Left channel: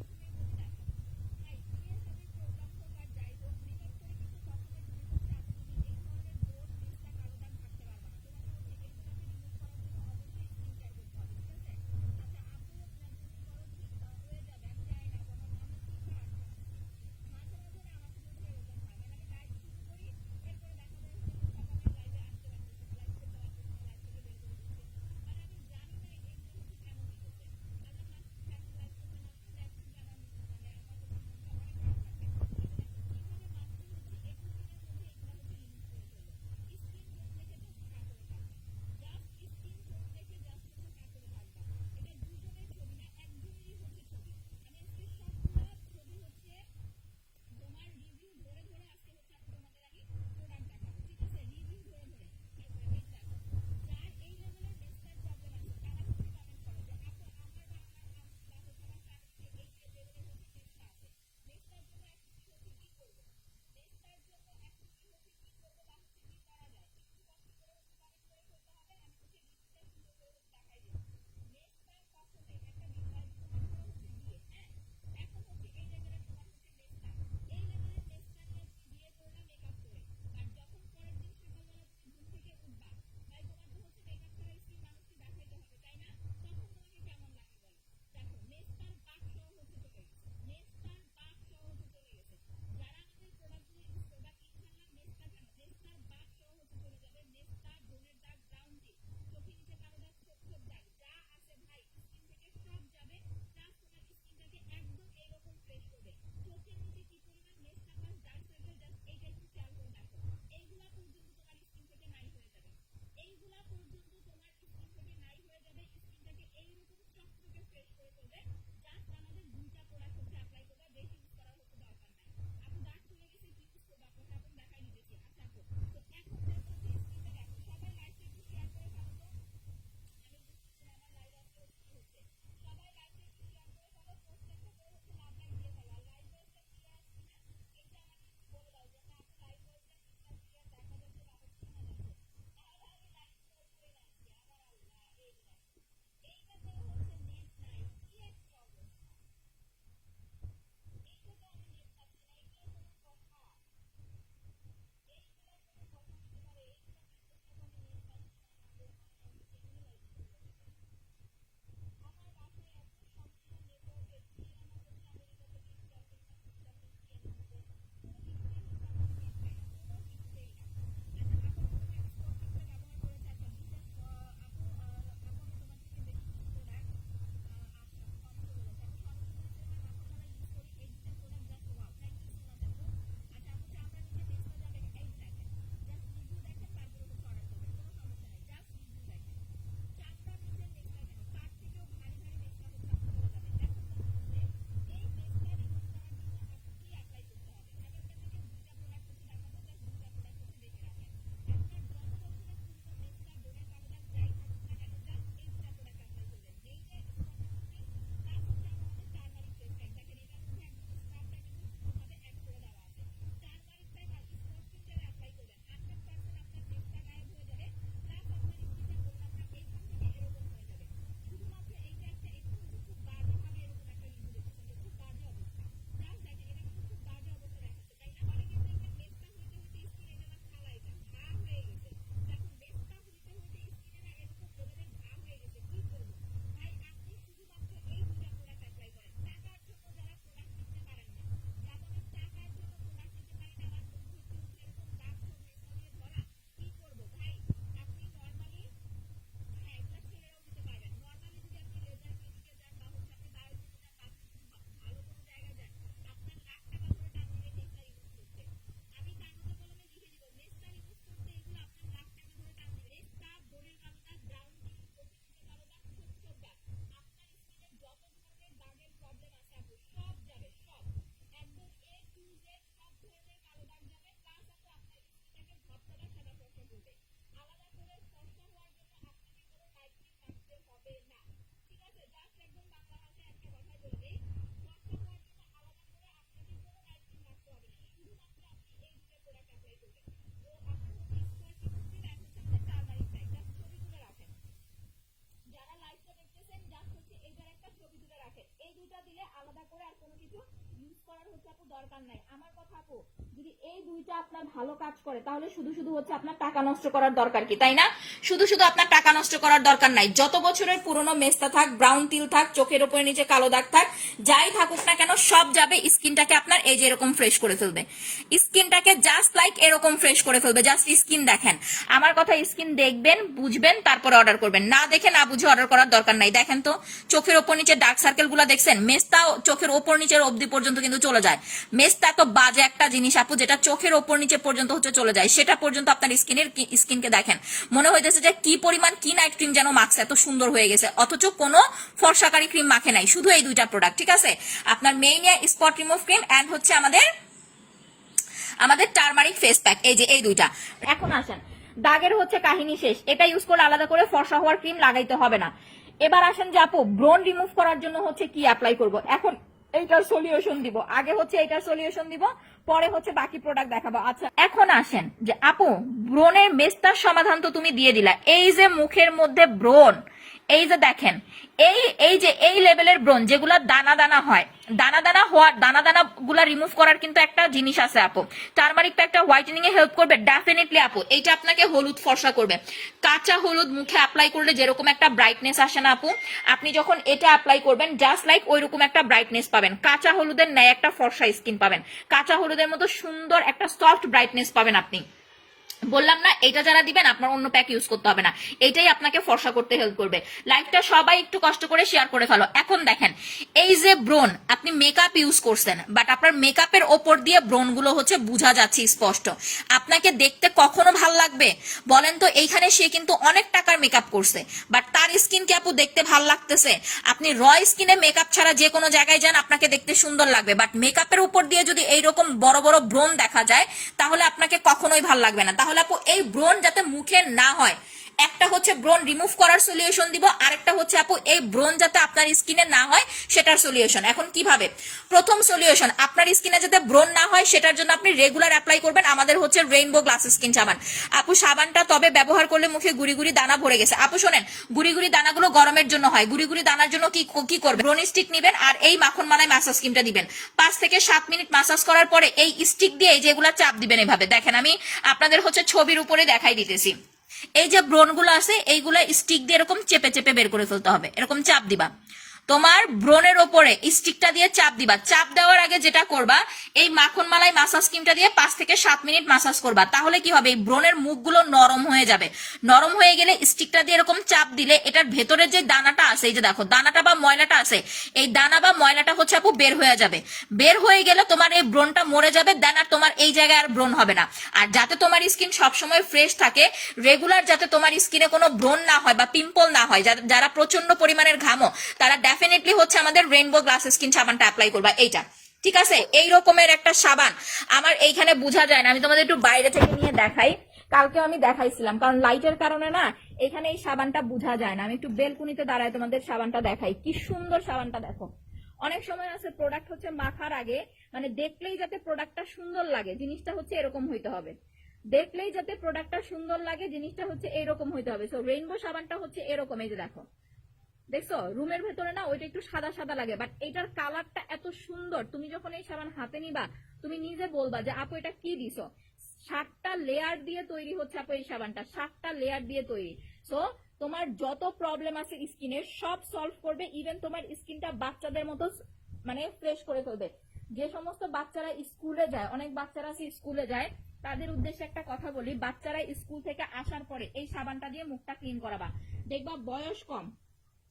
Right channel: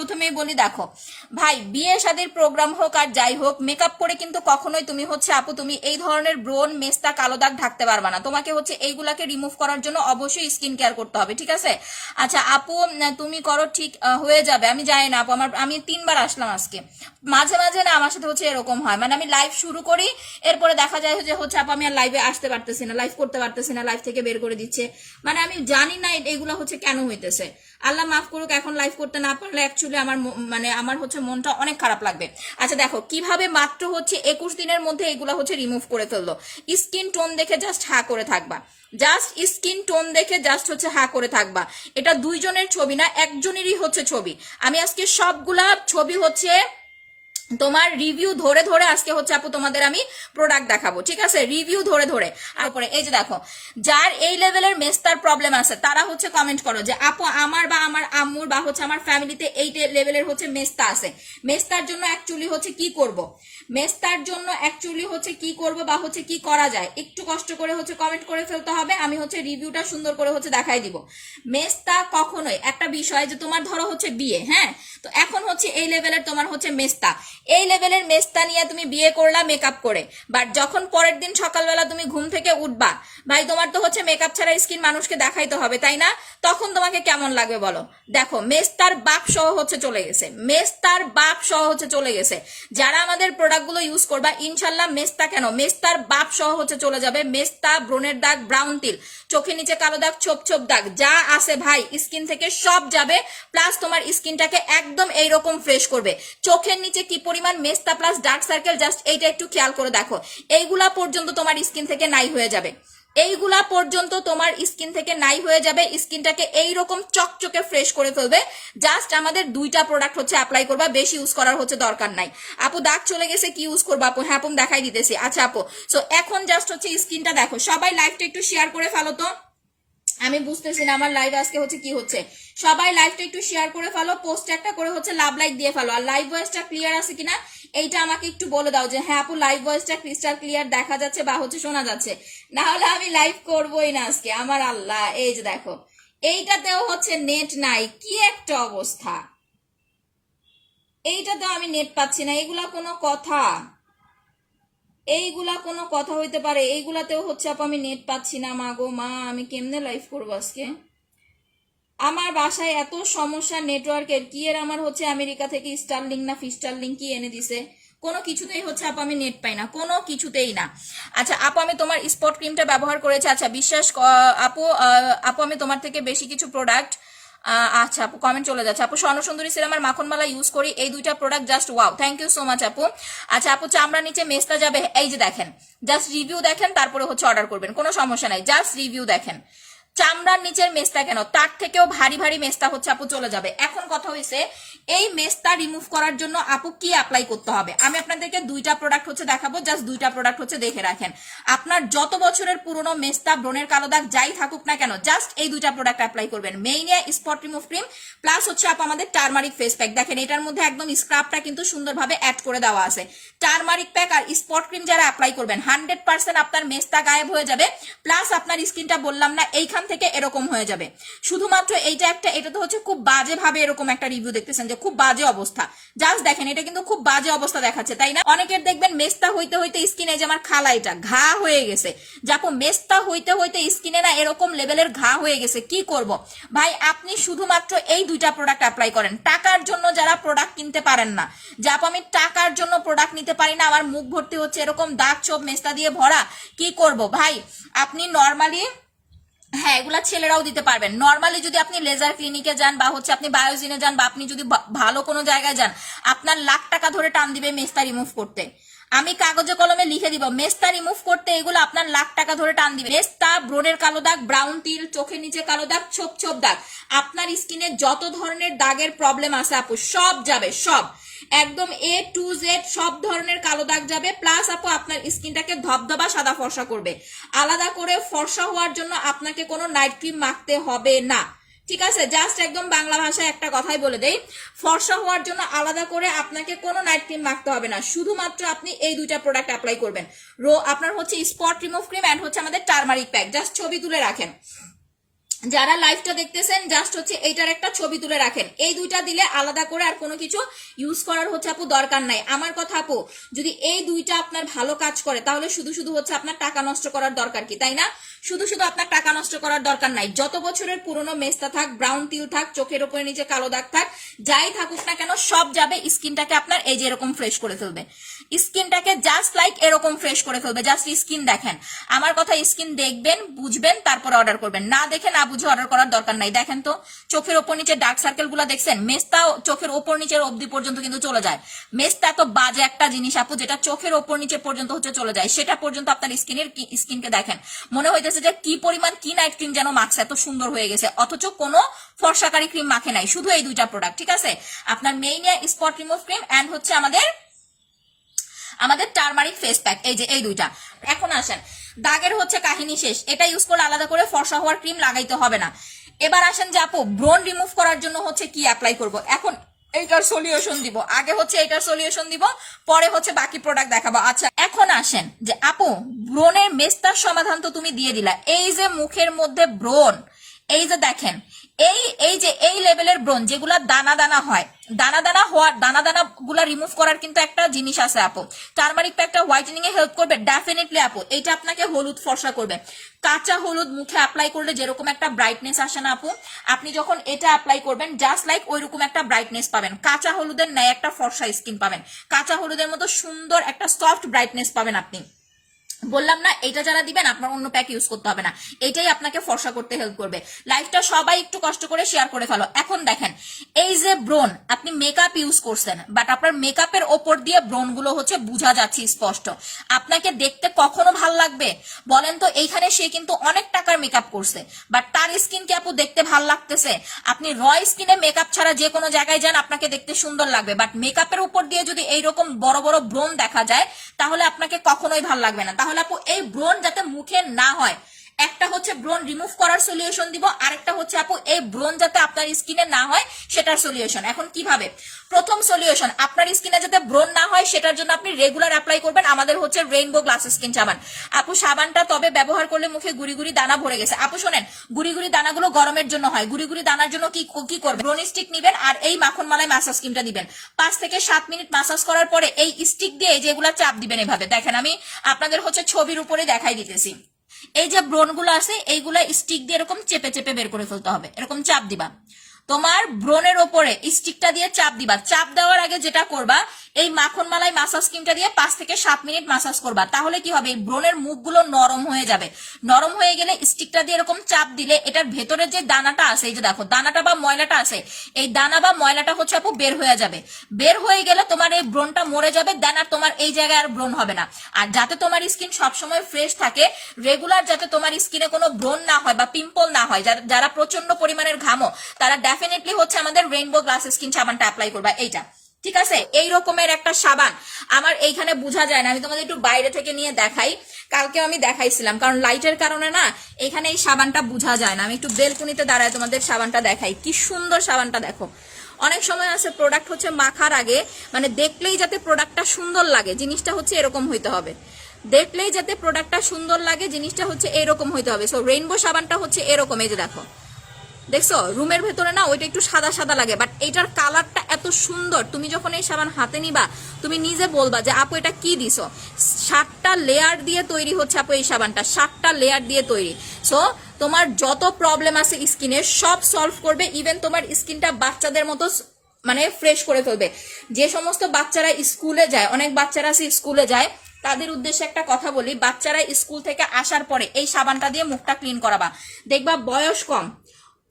প্রথমেই বলি, দেখো, ভাই, বিয়ে শাদির প্রোগ্রাম হোক আর যাই হোক মেকআপ করে কিন্তু কখনোই তুমি হচ্ছে আপু, তুমি এই ধরনের ব্রোন মেস্তা, কালো দাগ ঢাকতে পারবে না। তোমাকে হচ্ছে এইগুলাকে রিমুভ করার জন্য অবশ্যই স্কিন কেয়ার করতে হবে, ঠিক আছে? আচ্ছা আপু তুমি করো ঠিক হয়ে যাবে। আমি জানি না আপু, আমার, আমি তিনবার আসলাম আজকে। মাঝে মাঝে না আমার সাথে হচ্ছে এরকম হয়। মানে আমি লাইভ শুরু করি, এরপরে দেখা যায় যে হচ্ছে আপু, আমি আর লাইভে আসতে পারতেছি না লাইভ করতে পারতেছি না লাইভ থেকে বের করে দিচ্ছে। মানে আমি জানি না এগুলো হচ্ছে কেন হইতেছে। আল্লাহ মাফ করুক, এখন লাইভ করতে না পারলে অ্যাকচুয়ালি আমার মানে আমার হচ্ছে মনটা অনেক খারাপ লাগবে। আচ্ছা দেখো, কীভাবে মাত্র হচ্ছে একুশ দিনের মধ্যে এগুলো হচ্ছে রিমুভ করে ফেলল? স্কিন টোন দেখে জাস্ট হা করে থাকবা। জাস্ট স্কিন টোন দেখে জাস্ট হচ্ছে হা করে থাকবা। এটা দুইজনের ছবি না, একজনেরই হচ্ছে ছবি। আমি আজকে সবগুলা ছবি হচ্ছে তোমার রিভিউ ধরে ধরে আজকে হচ্ছে আপু তোমাদের আমি প্রোডাক্ট দেখাবো, ঠিক আছে? রিভিউ ধরে ধরে। তারপরে এই যে দেখো, যার এই লেভেলের মেস্তার প্রবলেম আছে, তারা হচ্ছে কমেন্ট করো যে, আপু, আমার বা আমার আম্মুর বা হচ্ছে আমার ফ্যামিলিতে এই লেভেলের হচ্ছে মেস্তা আছে। মেস্তার জন্য অ্যাকচুয়ালি হচ্ছে কি করব? মেস্তার জন্য অ্যাকচুয়ালি হচ্ছে কি করব বা হচ্ছে কি করা যায়? একটু কষ্ট করে হচ্ছে কমেন্ট করে ফেলতে হবে, আমি হচ্ছে রিভিউটা সুন্দর করে হচ্ছে দেখাই দিব। মেস্তা কখনোই, একটা বিষয় যে তোমার ধরো হচ্ছে বিয়ে হ্যাঁ? তো এখন হচ্ছে এই লেভেলের তোমার হচ্ছে মেস্তা। এই লেভেলের মেস্তা নিয়ে তুমি বিয়ে করলা মেকআপ করে। বাট যখন পরের দিন সকালবেলা তুমি ঘুম থেকে উঠবা, ভাই তোমার তো হচ্ছে মেকআপ ছাড়া স্কিন মানুষকে দেখাইতে হবে, তাই না? তখন তোমাকে কেমন লাগবে বলো? দেখো, মেস্তার বাপ সহ হচ্ছে চলে গেছে। মেস্তার বাপ সহ হচ্ছে চলে গেছে। যারা আমাদের প্রোডাক্টগুলো ইউজ করবা, ইনশাল্লাহ মেস্তা কেন? মেস্তার বাপ সহ হচ্ছে চলে যাবে মেস্তা ব্রনের দাগ ব্রাউন তিল চোখের নিচে কালো দাগ, ছোপ ছোপ দাগ, যা আছে ভাই স্কিন থেকে সব যাবে। প্লাস তোমার স্কিনটাকে একদম এইরকম ফ্রেশ করবে। চোখের নিচে কি পরিমাণ মেস্তা প্লাস ডার্ক সার্কেল জাস্ট এইটা একটু খেয়াল করে দেখো। এইগুলা পর্যন্ত তোমার স্কিন থেকে নাই হয়ে যাবে। এইগুলা পর্যন্ত তোমার স্কিন থেকে নাই হয়ে যাবে স্কিনটাকে এইরকম চকচকে ফ্রেশ করে ফেলবে। জাস্ট আমাদের দুইটা প্রোডাক্ট হচ্ছে অ্যাপ্লাই করবা, বেশি ইউজ করার হচ্ছে দরকার নাই। আপু, দাগ চলে গেছে, কি ইউজ করব আপু? হ্যাঁ আপু দেখাই দিতেছি। আচ্ছা আপু। সো এখন জাস্ট হচ্ছে স্কিনটা দেখো। সবাই লাইভটা একটু শেয়ার করে ফেলো তো। আমি বুঝতেছি না, আমার লাইভ আজকে হচ্ছে কি হচ্ছে? সবাই লাইভটা একটু শেয়ার করে ফেলো পোস্ট একটা করে হচ্ছে লাভ লাইক দিয়ে ফেলো। আর লাইভ ভয়েসটা ক্লিয়ার আছে কিনা, এইটা আমাকে একটু বলে দাও যে হ্যাঁ আপু লাইভ ভয়েসটা ক্রিস্টাল ক্লিয়ার দেখা যাচ্ছে বা হচ্ছে শোনা যাচ্ছে। না হলে আমি লাইভ করবোই না আজকে, আমার আল্লাহ, এই যে দেখো। এইটাতেও হচ্ছে নেট নাই, কি একটা অবস্থা। এইটাতেও আমি নেট পাচ্ছি না, এগুলা কোনো কথা। এইগুলা কোনো কথা হইতে পারে। এইগুলাতেও হচ্ছে, আপু, আমি নেট পাচ্ছি না, মা গো, মা, আমি কেমনে লাইভ করব আজকে? আমার বাসায় এত সমস্যা নেটওয়ার্কের কি এর আমার হচ্ছে আমেরিকা থেকে স্টারলিং না ফিস্টারলিং কি এনে দিছে? কোনো কিছুতেই হচ্ছে, আপু, আমি নেট পাই না, কোনো কিছুতেই না। আচ্ছা আপু, আমি তোমার স্পট ক্রিমটা ব্যবহার করেছি। আচ্ছা বিশ্বাস আপু আপু, আমি তোমার থেকে বেশি কিছু প্রোডাক্ট আচ্ছা আপু কমেন্ট চলে যাচ্ছে। আপু, স্বর্ণসুন্দরী সিরামার মাখনমালা ইউজ করি। এই দুইটা product just wow thank you so much আপু। আচ্ছা আপু চামড়া নিচে মেসটা যাবে। এই যে দেখেন জাস্ট রিভিউ দেখেন, তারপরে হচ্ছে অর্ডার করবেন। কোনো সমস্যা নাই জাস্ট রিভিউ দেখেন। চামড়ার নিচের মেসটা কেন? তার থেকেও ভারী ভারী মেসটা হচ্ছে, আপু, চলে যাবে। এখন কথা হয়েছে এই মেস্তা রিমুভ করার জন্য আপু কি অ্যাপ্লাই করতে হবে? আমি আপনাদেরকে দুইটা প্রোডাক্ট হচ্ছে দেখাবো জাস্ট দুইটা প্রোডাক্ট হচ্ছে দেখে রাখেন। আপনার যত বছরের পুরনো মেস্তা ব্রণের কালো দাগ যাই থাকুক না কেন জাস্ট এই দুইটা প্রোডাক্ট অ্যাপ্লাই করবেন। মেইনিয়া স্পট রিমুভ ক্রিম প্লাস হচ্ছে আপু আমাদের টারমারিক ফেস প্যাক দেখেন, এটার মধ্যে একদম স্ক্রাবটা কিন্তু সুন্দরভাবে অ্যাড করে দেওয়া আছে। টারমারিক প্যাক আর স্পট ক্রিম যারা অ্যাপ্লাই করবেন হান্ড্রেড পার্সেন্ট আপনার মেস্তা গায়েব হয়ে যাবে প্লাস আপনার স্কিনটা বললাম না, এইখান থেকে এরকম হয়ে যাবে। শুধুমাত্র এইটা একটা, এটা তো হচ্ছে খুব বাজে ভাবে এরকম একটা রিভিউ দেখতেছেন। যে খুব বাজে অবস্থা। জাস্ট দেখেন, এটা কিন্তু খুব বাজে অবস্থা দেখাচ্ছে, তাই না? অনেকের দেখবেন মেস্তা হইতে হইতে স্কিনে যে আমার খালা এটা ঘা হয়ে গেছে। যাপো, মেস্তা হইতে হইতে স্কিনে না এরকম লেভেলের ঘা হয়ে গেছে, কি করব? ভাই, আপনি শুধুমাত্র এই দুইটা প্রোডাক্ট অ্যাপ্লাই করেন। টাকার জন্য যারা প্রোডাক্ট কিনতে পারেন না, যাপ, আমি টাকার জন্য প্রোডাক্ট নিতে পারি না, আমার মুখ ভর্তি হচ্ছে এরকম দাগ চোপ মেস্তা দিয়ে ভরা, কি করব? ভাই, আপনি নর্মালি হ্যাঁ এগুলা ছেলেরাও দিতে পারবেন। নর্মালি যদি আপনি লেজার ক্লিনিকে যান বা হচ্ছে আপনি বায়োজিনে যান বা আপনি যদি ভালো কোনো জায়গায় যান, আপনার লাখ টাকা ধরে টান দিবে মেস্তা রিমুভ করতে। আমি কাগজে কলমে লিখে দিব, মেস্তা রিমুভ করতে এগুলো আপনার লাখ টাকা ধরে টান দিবে। মেস্তা, ব্রণের কালো দাগ ব্রাউন তিল চোখের নিচে কালো দাগ, ছোপ ছোপ দাগ। আপনার স্কিনে যত ধরনের দাগের প্রবলেম আছে আপু, সব যাবে, সব। একদম এ টু জেড সব ধরনের কালো দাগ যাবে। প্লাস আপু, আপনার স্কিনটাকে ধবধবা সাদা ফর্সা করবে। আলাদা করে ফর্সা হওয়ার জন্য আপনাকে কোনো নাইট ক্রিম মাখতে হবে না। ঠিক আছে? জাস্ট একদম বাংলা ভাষায় একটা কথাই বলে দেই। ফর্সা হওয়ার জন্য আলাদা করে আপনাকে কোনো নাইট ক্রিম মাখতে হবে না। শুধুমাত্র আপনি এই দুইটা প্রোডাক্ট অ্যাপ্লাই করবেন। রো আপনার হচ্ছে স্পট রিমুভ ক্রিম অ্যান্ড হচ্ছে আমাদের টার্মারিক প্যাক জাস্ট ছবি তুলে রাখেন। যারা লাইভটা দেখতেছেন জাস্ট হচ্ছে এইটার একটা ছবি তুলে রাখেন। এই দুইটা দিলে আলাদা করে আর কোনো কিছু ইউজ করার হচ্ছে আপু দরকার নাই। আমার কথা আপু, যদি এই দুইটা আপনার ভালো কাজ করে, তাহলে শুধু শুধু হচ্ছে আপনার টাকা নষ্ট করার দরকার কি, তাই না? শুধু শুধু আপনার টাকা নষ্ট করার দরকার নাই। যত বছরের পুরনো মেস্তা থাক ব্রাউন তিল থাক, চোখের উপরে নিচে কালো দাগ থাক, যাই থাকুক না কেন, সব যাবে স্কিনটাকে আপনার এই যে এরকম ফ্রেশ করে ফেলবে। স্কিনটাকে জাস্ট লাইক এরকম ফ্রেশ করে ফেলবে জাস্ট স্কিন দেখেন। আমার কথা স্কিন দেখবেন, বুঝবেন, তারপর অর্ডার করবেন। না দেখেন বুঝে অর্ডার করার দরকার নাই। দেখেন তো, চোখের ওপর নিচে ডার্ক সার্কেলগুলো দেখছেন? মেস্তাও চোখের ওপর নিচের অবধি পর্যন্ত কিন্তু চলে যায়। মেস্তা তো বাজে একটা জিনিস আপু, যেটা চোখের ওপর নিচে পর্যন্ত হচ্ছে চলে যায়। সেটা পর্যন্ত আপনার স্কিনের স্কিনকে দেখেন। মনে হইতেছে যে কি পরিমাণ, কি নাইট ক্রিম যেন মাখছে, এত সুন্দর হয়ে গেছে। অথচ কোনো ফর্সাকারী ক্রিম মাখে নাই, শুধু এই দুইটা প্রোডাক্ট ঠিক আছে? আপনার মেইনিয়া স্পট রিমুভ ক্রিম এন্ড হচ্ছে আমাদের আমাদের টার্মারিক ফেস প্যাক এই যে এই দুইটা। এখন আসেন। দাগের হচ্ছে কাহিনী শেষ। এটা ইউজ করে আলাদা করে ফর্সা হওয়ার ক্রিম লাগাইতে হবে না। এবার আসেন যে আপু ব্রন রিমুভ করার জন্য হচ্ছে কি অ্যাপ্লাই করব? এখন এইটার সলিউশন দিব। আগে হচ্ছে এইটার সলিউশন দিব, পরে হচ্ছে বাকি প্রোডাক্ট দেখাবো। আচ্ছা এখন আসেন যে আপু ব্রনের মেস্তার সমাধান তো তুমি দিয়ে দিলা। এই যে মুখের মধ্যে ব্রন এই যে দেখেন, এই এই যে এই লেভেলের ব্রোন যেগুলা দানা দানা হয়, দানা দানা হওয়ার, দানা দানা গুলা রিমুভ করার কিন্তু একটা জিনিস আছে আপু। টার্মারিক প্যাকটা হোয়াইটেনিং এ হেল্প করবে ডেফিনেটলি আপু। এইটা আপনাকে হলুদ ফর্সা করবে। কাঁচা হলুদ মুখে অ্যাপ্লাই করলে যেরকম একটা ব্রাইটনেস আসে না আপু, আপনি যখন এটা অ্যাপ্লাই করবেন জাস্ট লাইক ওইরকম একটা ব্রাইটনেস পাবেন। কাঁচা হলুদের ন্যায় একটা ফর্সা স্কিন পাবেন। কাঁচা হলুদের মতো সুন্দর একটা সফট ব্রাইটনেস পাবেন আপনি। বললাম না, এটা যারা দিবেন, আপনার অন্য প্যাক ইউজ করতে হবে না। এটাই আপনাকে ফর্সা করতে হেল্প করবে। লাইফটা সবাই একটু কষ্ট করে শেয়ার করে ফেলো। এখন দেখেন, এই যে ব্রোন আপনি মেকআপ ইউজ করছেন বাট আপনার মেকআপের ওপর দিয়ে ব্রোনগুলো হচ্ছে বোঝা যাচ্ছে স্পষ্ট। আপনাকে দেখতে কখনো ভালো লাগবে? বলেন তো, এইখানে সে কিন্তু অনেক টাকার মেকআপ করছে বাট তার স্কিন কি আপু দেখতে ভালো লাগতেছে? আপনি র স্কিনে মেকআপ ছাড়া যে কোনো জায়গায় যান, আপনাকে দেখতে সুন্দর লাগবে বাট মেকআপের উপর দিয়ে যদি এইরকম বড় বড় ব্রোন দেখা যায়, তাহলে আপনাকে কখনোই ভালো লাগবে না। তাহলে আপু এই ব্রণ যাতে মুখে না হয়। একটা হচ্ছে ব্রোন রিমুভ করার সলিউশন দিব, আরেকটা হচ্ছে আপু, এই ব্রোন যাতে আপনার স্কিনে না হয়, সেটার সলিউশন। এখন কীভাবে? প্রথম সলিউশন, আপনার স্কিনে যাতে ব্রোন না হয়, সেটার জন্য আপনি রেগুলার অ্যাপ্লাই করবেন। আমাদের হচ্ছে রেইনবো গ্লাস স্কিন সাবান। আপু, সাবানটা তবে ব্যবহার করলে মুখে গুড়ি গুড়ি দানা ভরে গেছে। আপু, শোনেন, গুড়ি গুড়ি দানাগুলো গরমের জন্য হয়। গুড়ি গুড়ি দানার জন্য কি কি করবেন? ব্রোন স্টিক নিবেন আর এই মাখন মালায় মাসাজ ক্রিমটা দিবেন। পাঁচ থেকে সাত মিনিট মাসাজ করার পরে এই স্টিক দিয়ে যেগুলা চাপ দিবেন এভাবে। দেখেন আমি আপনাদের হচ্ছে ছবির উপরে দেখাই দিতেছি। এই যে ব্রোনগুলো আছে, এইগুলা স্টিক দিয়ে এরকম চেপে চেপে বের করে ফেলতে হবে। এরকম চাপ দিবা। তোমার ব্রনের ওপরে স্টিকটা দিয়ে চাপ দিবা। চাপ দেওয়ার আগে যেটা করবা, এই মাখন মালাই মাসাজ ক্রিমটা দিয়ে পাঁচ থেকে সাত মিনিট মাসাজ করবা। তাহলে কি হবে? এই ব্রনের মুখগুলো নরম হয়ে যাবে। নরম হয়ে গেলে স্টিকটা দিয়ে এরকম চাপ দিলে এটার ভেতরে যে দানাটা আছে, এই যে দেখো, দানাটা বা ময়লাটা আছে, এই দানা বা ময়লাটা হচ্ছে আপু বের হয়ে যাবে। বের হয়ে গেলে তোমার এই ব্রনটা মরে যাবে দেন আর তোমার এই জায়গায় আর ব্রন হবে না। আর যাতে তোমার স্কিন সবসময় ফ্রেশ থাকে রেগুলার যাতে তোমার স্কিনে কোনো ব্রন না হয় বা পিম্পল না হয়, যারা- যারা প্রচণ্ড পরিমাণের ঘামো, তারা ডেফিনেটলি হচ্ছে আমাদের রেইনবো গ্লাস স্কিন সাবানটা অ্যাপ্লাই করবা, এইটা। ঠিক আছে? এই রকমের একটা সাবান। আমার এইখানে বোঝা যায় না, আমি তোমাদের একটু বাইরে থেকে নিয়ে দেখাই। কালকে আমি দেখাইছিলাম, কারণ লাইটের কারণে না এখানে এই সাবানটা বোঝা যায় না। আমি একটু বেলকুনিতে দাঁড়ায় তোমাদের সাবানটা দেখাই। কি সুন্দর সাবানটা দেখো। অনেক সময় আছে প্রোডাক্ট হচ্ছে মাখার আগে মানে দেখলেই যাতে প্রোডাক্টটা সুন্দর লাগে, জিনিসটা হচ্ছে এরকম হইতে হবে। দেখলেই যাতে প্রোডাক্টটা সুন্দর লাগে, জিনিসটা হচ্ছে এরকম হইতে হবে। সো রেইনবো সাবানটা হচ্ছে এরকম, এই যে দেখো। দেখছ? রুমের ভেতরে না ওইটা একটু সাদা সাদা লাগে বাট এটার কালারটা এত সুন্দর। তুমি যখন এই সাবান হাতে নিবা, তুমি নিজে বলবা যে, আপু, এটা কি দিছো? সাতটা লেয়ার দিয়ে তৈরি হচ্ছে আপু এই সাবানটা, সাতটা লেয়ার দিয়ে তৈরি। সো তোমার যত প্রবলেম আছে স্কিনে সব সলভ করবে ইভেন তোমার স্কিনটা বাচ্চাদের মতো মানে ফ্রেশ করে ফেলবে। যে সমস্ত বাচ্চারা স্কুলে যায়, অনেক বাচ্চারা স্কুলে যায়, তাদের উদ্দেশ্যে একটা কথা বলি, বাচ্চারা স্কুল থেকে আসার পরে এই সাবানটা দিয়ে মুখটা ক্লিন করাবা। দেখবা বয়স কম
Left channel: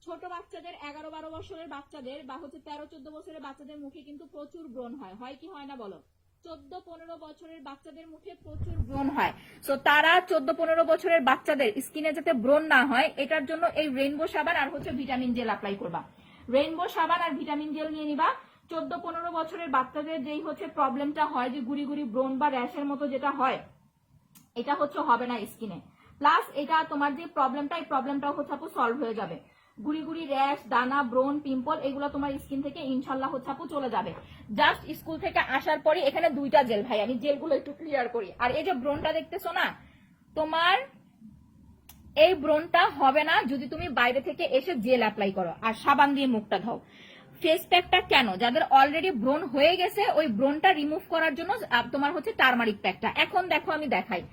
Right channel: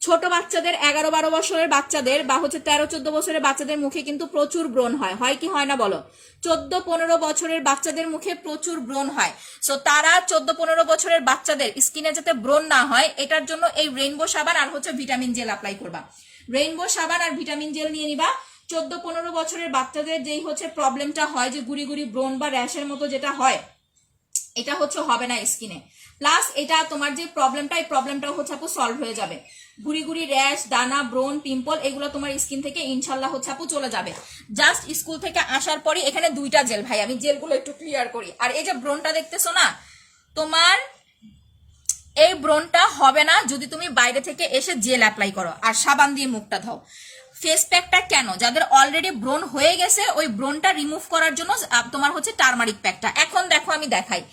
ছোট বাচ্চাদের এগারো বারো বছরের বাচ্চাদের বা হচ্ছে তেরো চোদ্দ বছরের বাচ্চাদের মুখে কিন্তু প্রচুর ব্রণ হয়। হয় কি হয় না বলো? চোদ্দ পনেরো বছরের বাচ্চাদের মুখে প্রচুর ব্রণ হয়। সো তারা চোদ্দ পনেরো বছরের বাচ্চাদের স্কিনে যাতে ব্রণ না হয়, এটার জন্য এই রেইনবো সাবান আর হচ্ছে ভিটামিন জেল অ্যাপ্লাই করবা। রেইনবো সাবান আর ভিটামিন জেল নিয়ে নিবা। চোদ্দ পনেরো বছরের বাচ্চাদের যেই হচ্ছে প্রবলেমটা হয় যে গুড়ি গুড়ি ব্রণ বা র্যাশের মতো যেটা হয়, এটা হচ্ছে হবে না স্কিনে প্লাস এটা তোমার যে প্রবলেমটা এই প্রবলেমটাও হচ্ছে আপু সলভ হয়ে যাবে। গুড়ি গুড়ি র্যাশ দানা ব্রন পিম্পল এগুলো তোমার স্কিন থেকে ইনশাল্লাহ হচ্ছে আপু চলে যাবে। জাস্ট স্কুল থেকে আসার পরে এখানে দুইটা জেল ভাই, আমি জেলগুলো একটু ক্লিয়ার করি। আর এই যে ব্রনটা দেখতেছো না, তোমার এই ব্রণটা হবে না যদি তুমি বাইরে থেকে এসে জেল অ্যাপ্লাই করো। আর সাবান দিয়ে মুখটা ধাও। ফেস প্যাকটা কেন? যাদের অলরেডি ব্রোন হয়ে গেছে, ওই ব্রোনটা রিমুভ করার জন্য তোমার হচ্ছে টার্মারিক প্যাকটা এখন দেখো, আমি দেখাই।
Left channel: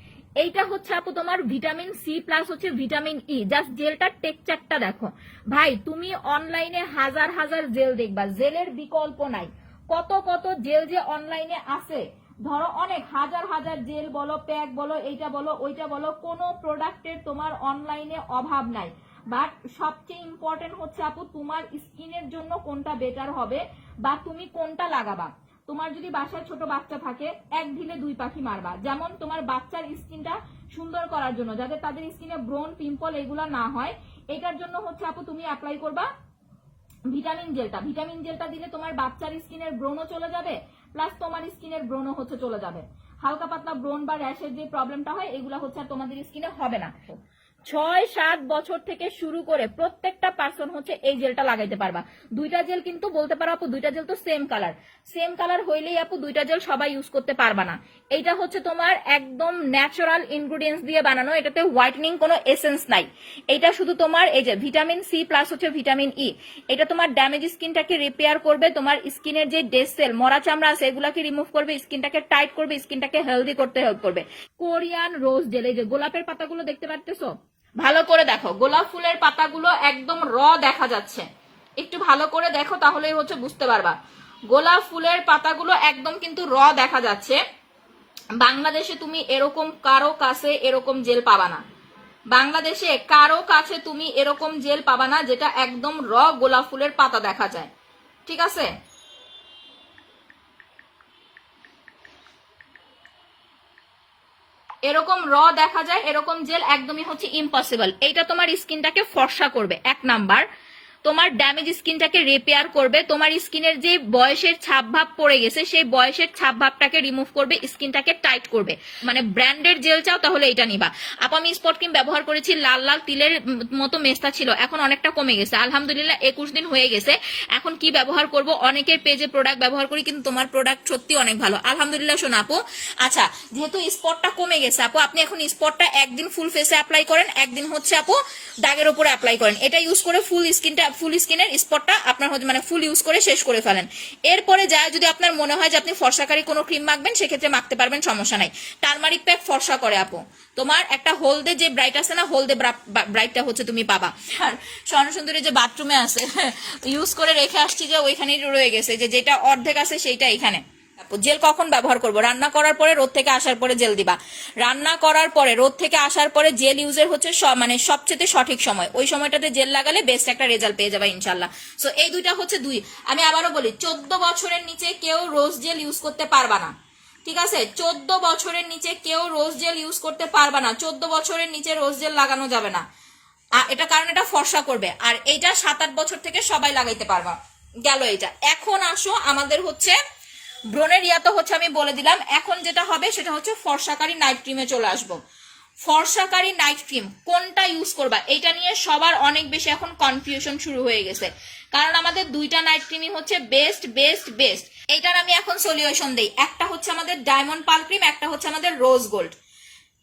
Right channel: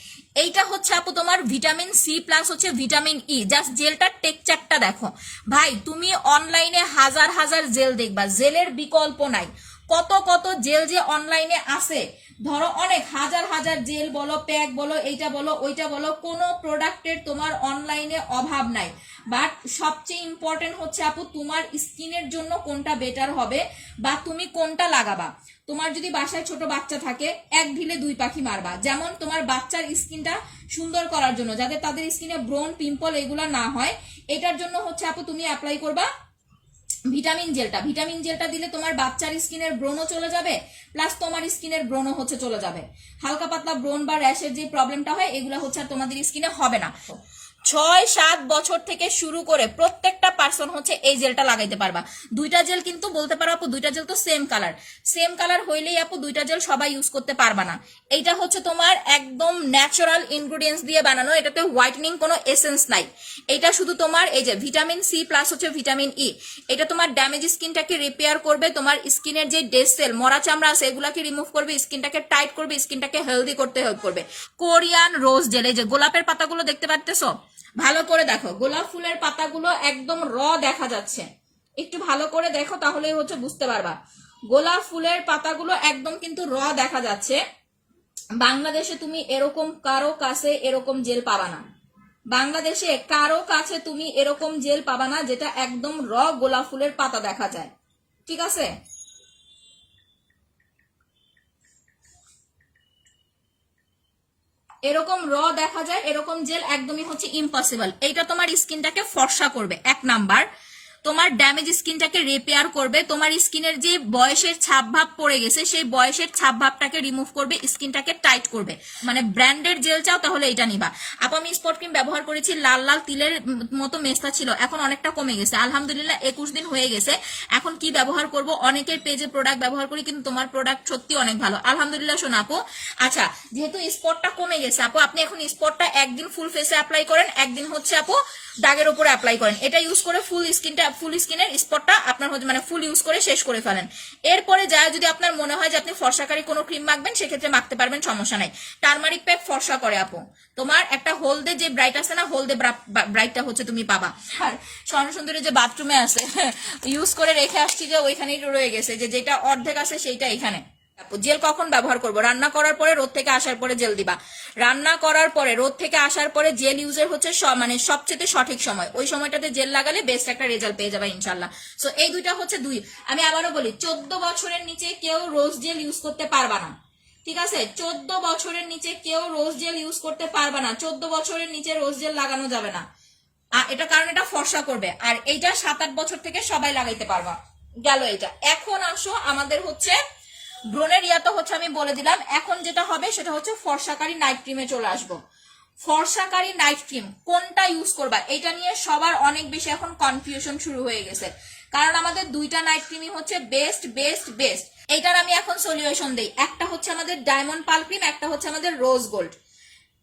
এইটা হচ্ছে আপু তোমার ভিটামিন সি প্লাস হচ্ছে ভিটামিন ই জাস্ট জেলটার টেকচারটা দেখো। ভাই, তুমি অনলাইনে হাজার হাজার জেল দেখবা। জেলের বিকল্প নাই। কত কত জেল যে অনলাইনে আছে ধরো অনেক, হাজার হাজার জেল বলো, প্যাক বলো, এইটা বলো, ওইটা বলো, কোনো প্রোডাক্টের তোমার অনলাইনে অভাব নাই। বাট সবচেয়ে ইম্পর্টেন্ট হচ্ছে আপু, তোমার স্কিনের জন্য কোনটা বেটার হবে বা তুমি কোনটা লাগাবা। তোমার যদি বাসায় ছোট বাচ্চা থাকে, এক ঢিলে দুই পাখি মারবা। যেমন তোমার বাচ্চার স্কিনটা সুন্দর করার জন্য যাতে তাদের স্কিনে ব্রোন পিম্পল এগুলা না হয়, এটার জন্য হচ্ছে আপু, তুমি অ্যাপ্লাই করবা ভিটামিন জেলটা। ভিটামিন জেলটা দিলে তোমার বাচ্চার স্কিনের ব্রণও চলে যাবে, প্লাস তোমার স্কিনের ব্রণও হচ্ছে চলে যাবে। হালকা পাতলা ব্রণ বা র্যাশের যে প্রবলেমটা হয়, এগুলো হচ্ছে আর তোমাদের স্কিনে হবে না। ছয় সাত বছর থেকে শুরু করে প্রত্যেকটা পার্সন হচ্ছে এই জেলটা লাগাইতে পারবা। দুইটা জেল কিন্তু বলতে পারো আপু, দুইটা জেল তো সেম কালার সেম কালার হইলেই আপু দুইটা জেল সবাই ইউজ করতে পারবা না। এইটা হচ্ছে তোমার একদম ন্যাচারাল ইনগ্রিডিয়েন্টস দিয়ে বানানো, এটাতে হোয়াইটনিং কোনো এসেন্স নাই। এটা শুধু তোমার এই যে ভিটামিন সি প্লাস হচ্ছে ভিটামিন ই এটা তোমার ড্যামেজ স্কিনটাকে রিপেয়ার করবে, তোমার স্কিনের যে ডেড সেল মরা চামড়া আছে, এগুলাকে রিমুভ করবে স্কিনটাকে টাইট করবে স্কিনটাকে হেলদি করতে হেল্প করবে। কোরিয়ান রোজ জেল এই যে গোলাপের পাতাগুলো দেখতে পারতেছো? ভালো করে দেখো, গোলাপ ফুলের পাতাগুলো একদম র দেখা যাচ্ছে। একটু ভালো করে দেখো তাহলেই হচ্ছে বুঝতে পারবা। গোলাপ ফুলের পাতাগুলো একদম কিন্তু র দেখা যাচ্ছে। বাংলাদেশে তুমি এরকম কারও কাছে এরকম জেল পাবা না। বাংলাদেশে কারও কাছে তুমি এরকম জেল পাবা না যেটা একদম র গোলাপ ফুলের পাতা দেখা যায়। ঠিক আছে? এরকম র দেখা যায়, এরকম জেল একদমই হচ্ছে ইম্পসিবল এইটা তোমার স্কিনটাকে ফর্সা করবে। এক নাম্বার। তোমার ড্যামেজ স্কিনটাকে রিপেয়ার করবে, তোমার স্কিনের যে বয়সের ছাপ ভাব পড়ে গেছে, সেই বয়সের ছাপ ভাবটাকে রিমুভ করবে স্কিনটাকে টাইট করবে। মানে ব্র্যান্ডেড জেল চাও তাহলে এটা নিবা। আপা, আমি স্পট ক্রিম ব্যবহার করেছি, লাল লাল তিলের মতো মেস্তা ছিল, এখন অনেকটা কমে গেছে। আলহামদুলিল্লাহ, একুশ দিন হয়ে গেছে। এখন কি ব্যবহার করব? অনেকের পেজে প্রোডাক্ট ব্যবহার করি, কিন্তু তোমার প্রোডাক্ট সত্যি অনেক ভালো। আলহামদুলিল্লাহ, শোনো আপু। আচ্ছা যেহেতু স্পটটা কমে গেছে, আপু, আপনি এখন স্পটটা একদিন ফুল ফেসে অ্যাপ্লাই করেন, একদিন হচ্ছে আপু, দাগের উপরে অ্যাপ্লাই করেন। এটা ইউজ করে ফুল স্কিনটা ফুল স্কিনের স্পটটা আপনার হচ্ছে মানে ফুল ইউজ করে শেষ করে ফেলেন। এরপরে যা যদি আপনার মনে হয় যে আপনি ফর্সাকারী কোনো ক্রিম মাখবেন, সেক্ষেত্রে মাখতে পারবেন, সমস্যা নাই। টার্মারিক প্যাক ফর্সা করে আপু। তোমার একটা হলদে যে ব্রাইট আছে না, হলদে ব্রাইটটা হচ্ছে তুমি পাবা। আর স্বর্ণ সুন্দরী যে বাথরুমে আছে ইউজ করে রেখে আসছি যে ওইখানেই রয়ে গেছে, যে যেটা অর্ধেক আছে সেইটা এখানে। জেল কখন ব্যবহার করব? রান্না করার পরে রোদ থেকে আসার পরে জেল দিবা। রান্না করার পরে, রোদ থেকে আসার পরে জেল ইউজের হচ্ছে মানে সবচেয়ে সঠিক সময়। ওই সময়টাতে জেল লাগালে বেস্ট একটা রেজাল্ট পেয়ে যাবে ইনশাল্লাহ সো এই দুইটা হচ্ছে দুই। আমি আবারও বলি, চোদ্দ বছরের নিচে কেউ রোজ জেল ইউজ করতে পারবা না। ঠিক আছে? চোদ্দ বছরের নিচে কেউ রোজ জেল ইউজ করতে পারবা না। চোদ্দ বছরের নিচে রোজ জেল লাগানো যাবে না। এটা কারণ এটা ফর্সা করবে। আর এইটা সাত আট বছর থেকে সবাই লাগাইতে পারবা। গেল এটা এখন আসো, আমাদের হচ্ছে ব্রণের ইয়া তো হচ্ছে আমি বলে দিলাম। এখন যেটা হবে সেটা হচ্ছে ফর্সাকারী নাইট ক্রিমে চলে আসব। ফর্সাকারী নাইট ক্রিম কোনটা ইউজ করবা? এটা নিয়ে সবার অনেক বেশি এখন কনফিউশন শুরু হয়ে গেছে। কারণ আমাদের দুইটা নাইট ক্রিমই হচ্ছে বেস্ট বেস্ট বেস্ট এটার আমি এখন সলিউশন দিই। একটা হচ্ছে আমাদের ডায়মন্ড পাল ক্রিম একটা হচ্ছে আমাদের রোজ গোল্ড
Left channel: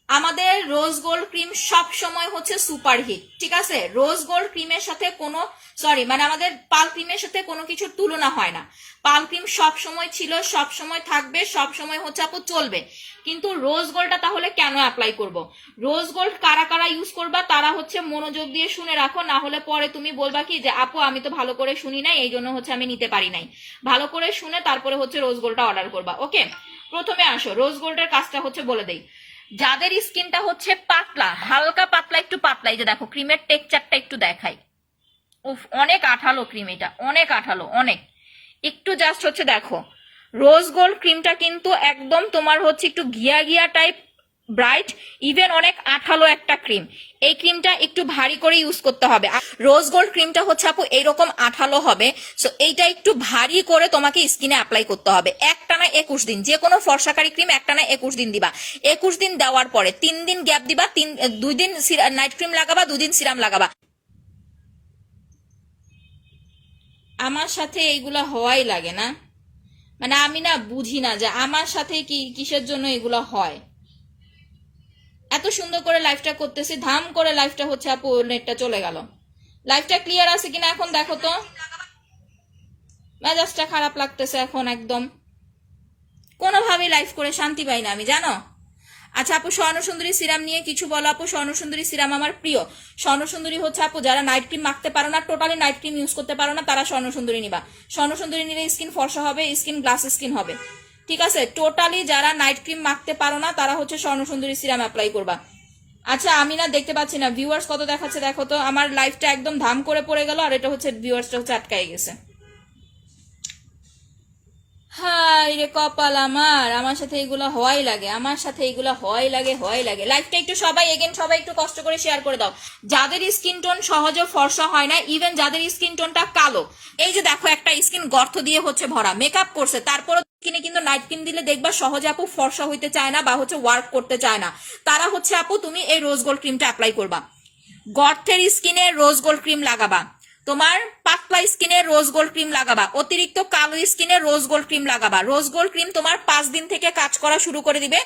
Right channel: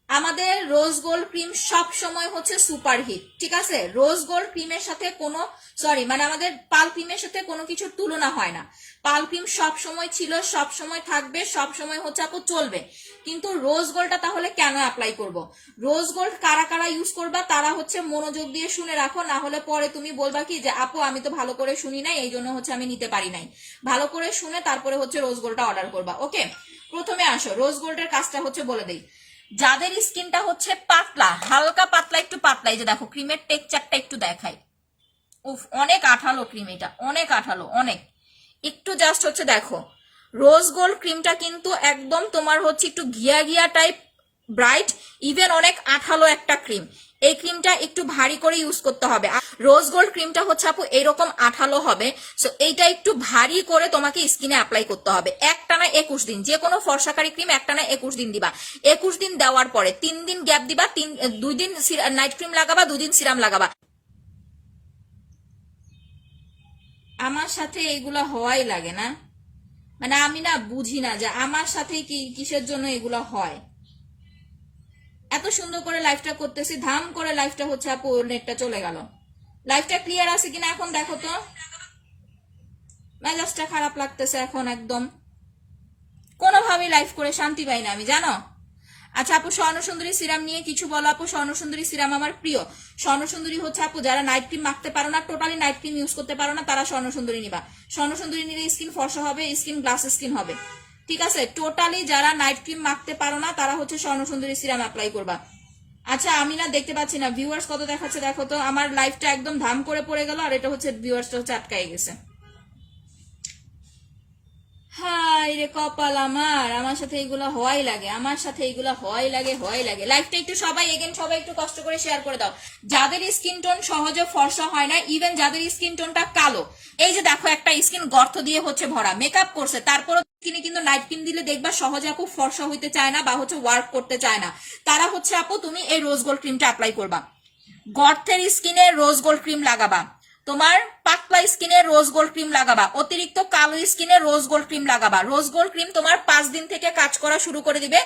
আমাদের রোজ গোল্ড ক্রিম সব সময় হচ্ছে সুপার হিট ঠিক আছে? রোজ গোল্ড ক্রিমের সাথে কোনো সরি মানে আমাদের পাল ক্রিমের সাথে কোনো কিছুর তুলনা হয় না। পাল ক্রিম সব সময় ছিল, সব সময় থাকবে, সব সময় হচ্ছে আপু চলবে। কিন্তু রোজ গোল্ডটা তাহলে কেন অ্যাপ্লাই করব? রোজ গোল্ড কারা কারা ইউজ করবা, তারা হচ্ছে মনোযোগ দিয়ে শুনে রাখো, না হলে পরে তুমি বলবা কি যে, আপু, আমি তো ভালো করে শুনি নাই, এই জন্য হচ্ছে আমি নিতে পারি নাই। ভালো করে শুনে তারপরে হচ্ছে রোজ গোল্ডটা অর্ডার করবা ওকে প্রথমে আসো রোজ গোল্ডের কাজটা হচ্ছে বলে দেই। যাদের স্কিনটা হচ্ছে পাতলা, হালকা পাতলা, একটু পাতলা, এই যে দেখো ক্রিমের টেকচারটা একটু দেখাই। উফ, অনেক আঠালো ক্রিম এটা, অনেক আঠালো, অনেক। একটু জাস্ট হচ্ছে দেখো রোজ গোল্ড ক্রিমটা কিন্তু একদম তোমার হচ্ছে একটু গিয়া গিয়া টাইপ ব্রাইট ইভেন অনেক আঠালো একটা ক্রিম। এই ক্রিমটা একটু ভারী করে ইউজ করতে হবে। রোজ গোল্ড ক্রিমটা হচ্ছে আপু, এইরকম আঠালো হবে। সো এইটা একটু ভারী করে তোমাকে স্কিনে অ্যাপ্লাই করতে হবে। একটানা একুশ দিন, যে কোনো ফর্সাকারী ক্রিম একটানা একুশ দিন দিবা। একুশ দিন দেওয়ার পরে, তিন দিন গ্যাপ দিবা, তিন দুই দিন নাইট ক্রিম লাগাবা দুদিন সিরাম লাগাবা। আমার সাথে এইগুলা হওয়াই লাগে না। মানে আমি না বুঝি না যে আমার সাথে কি, কিসের জন্য এগুলো হয়। এত সুন্দর করে লাইফটা করতেছি, ধাম করে লাইফটা হচ্ছে আপু নেটটা চলে গেল। লাইফটা ক্লিয়ার আছে কিনা এখন দেখো তো। মেজাজটা খারাপ লাগতেছে এখন একদম। কোনোভাবেই লাইফ করে শান্তি পাই না আমি, জানো? আচ্ছা আপু, স্বর্ণসুন্দরী সিরাম নিয়ে কিছু বলো আপু, স্বর্ণসুন্দরী সিরাম আমার প্রিয়। স্বর্ণসুন্দরী হচ্ছে আপু, যারা নাইট ক্রিম মাখতে পারো না টোটালি নাইট ক্রিম ইউজ করতে পারো না, তারা স্বর্ণসুন্দরী নিবা। স্বর্ণসুন্দরী নিলে স্কিন ফর্সা হবে স্কিন গ্লাস স্কিন হবে। ঠিক আছে? টোটালি যারা নাইট ক্রিম মাখতে পারো না, তারা হচ্ছে স্বর্ণসুন্দরী সিরাম অ্যাপ্লাই করবা। আচ্ছা আমি না দেখতে পাচ্ছি না ভিউয়ার্স কত দেখাচ্ছে দেখো তো, আমার লাইফটা একদম ধাম করে পড়ে গেল, আর এটা হচ্ছে ভিউয়ার্সটা হচ্ছে আটকাই গেছে। হাই রে কপাল আমার আমার সাথে এগুলো হওয়াই লাগে, আমার সাথে এগুলো হওয়াই লাগে হওয়াই লাগে। লাইফটা একটু সবাই এগেন সবাই একটু কষ্ট করে শেয়ার করে দাও। যাদের স্কিন টোন সহজে ফর্সা হয় না ইভেন যাদের স্কিন টোনটা কালো, এই যে দেখো একটা স্কিন গর্ত দিয়ে হচ্ছে ভরা মেকআপ করছে তারপরে স্কিনে কিন্তু নাইট ক্রিম দিলে দেখবা সহজে আপু ফর্সা হইতে চায় না বা হচ্ছে ওয়ার্ক করতে চায় না। তারা হচ্ছে আপু তুমি এই রোজ গোল্ড ক্রিমটা অ্যাপ্লাই করবা। গর্থের স্কিনে রোজ গোল্ড ক্রিম লাগাবা। তোমার পাতলা স্কিনে রোজ গোল্ড ক্রিম লাগাবা। অতিরিক্ত কালো স্কিনে রোজ গোল্ড ক্রিম লাগাবা। রোজ গোল্ড ক্রিম তোমার পাঁচ দিন থেকে কাজ করা শুরু করে দিবে।